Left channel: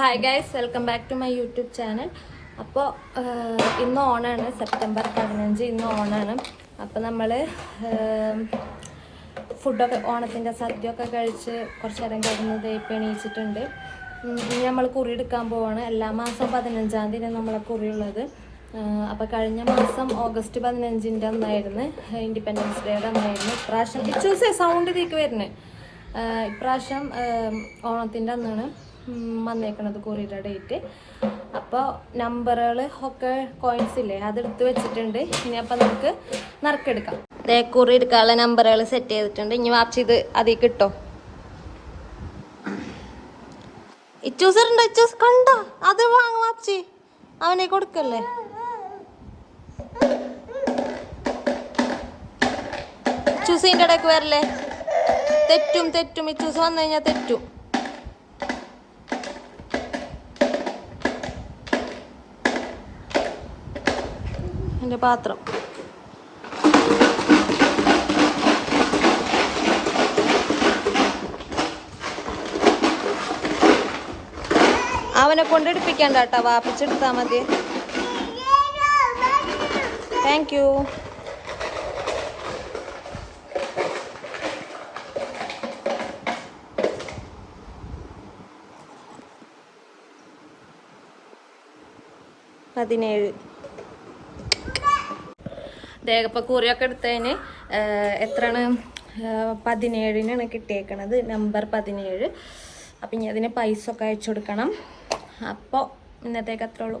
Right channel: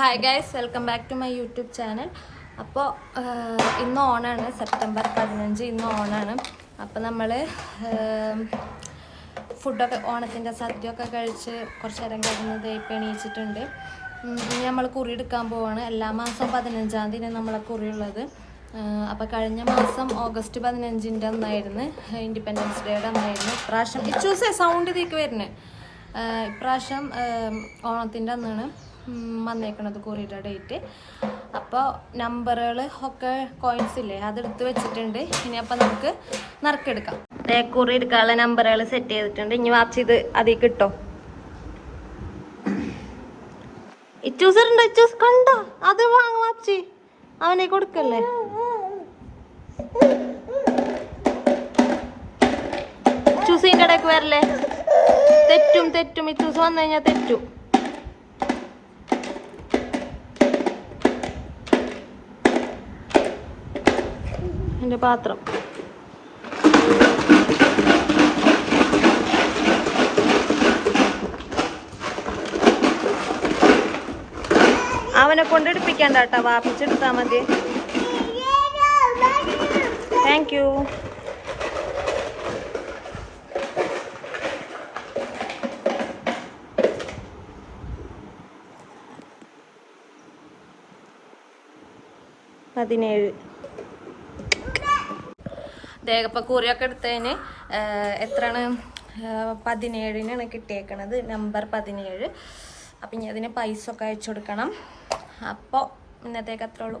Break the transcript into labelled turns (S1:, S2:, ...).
S1: Hi guys welcome back to my YouTube channel അപ്പോൾ ഇന്ന് ഓണാണ്. സെപ്റ്റംബർ പതിനഞ്ച് ഇന്ന് ഓണാണ്. അപ്പോൾ നമ്മൾ ഫുഡൊക്കെ ഓണത്തിന്റെ സദ്യയൊക്കെ കഴിച്ച് കുറച്ച് നേരം കിടന്ന് തേപ്പ് എണീച്ചിട്ടുണ്ട്. ഇനി നമ്മൾ കുറി എടുക്കാൻ പോവാണ്. എല്ലാ മാസവും പതിനഞ്ചാം തീയതി നമ്മളെ കുറി ഉള്ളത്. അപ്പോൾ കഴിഞ്ഞ മാസം ഓഗസ്റ്റ് പതിനഞ്ചിന്റെ അന്നായിരുന്നു. ഇൻഡിപെൻഡൻസ് ഡേയുടെ അന്നായിരുന്നു. ഇപ്രാവശ്യം ചൂസേ സൗണ്ട് ഇതേക്ക് വരുന്നത് ഇപ്രാവശ്യം ഓണത്തിന്റെ അന്നാണ്. വന്നേക്കണത് കൊറിയറ ഡേറ്റ് അപ്പോൾ നമ്പറുകൾ ഒക്കെ കോയിൻസ് ഇല്ലേ അതെടുത്ത് വെച്ചിട്ടുണ്ട്. ഇനി അപ്പം നമുക്ക് നറുക്കെടുക്കാം. ദേ കുറി എടുക്കാനുള്ള നമ്പറുകൾ സെറ്റ് ചെയ്തിട്ടുണ്ട്. ഇനി വാപ്സ് ഇത് അതിൽ കിട്ടോ. ഇച്ചൂസർ ഉണ്ടോ? കണ്ടോ? അത് വാങ്ങ വാപ്സി അവനെ കൊടുക്കല്ലേ? ചൂസിന്റെ ഇടയ്ക്ക് വരല്ലേ? തെറ്റും തെറ്റും. ഇച്ചൂസ് വന്നു കഴിഞ്ഞാൽ തെറ്റും. എന്റെ പാത്രം. അവനെ കൊണ്ട് എടുപ്പിക്കണ്ട കേട്ടോ വാപ്പിച്ചെടുത്താ മതി. താങ്ക് യു പതിനേഴ്. കൂറിയൊക്കെ എടുത്തതിന് എത്രയാണ് പതിനേഴിനാണ് കിട്ടിയേക്കണത്. നമ്പർ പതിനേഴ്. അപ്പം ഇനി അതിന് പൈസ ഒക്കെ അയച്ചു കൊടുക്കണം. അപ്പോൾ ഇന്നത്തേക്ക് അത്രേ ഉള്ളൂ.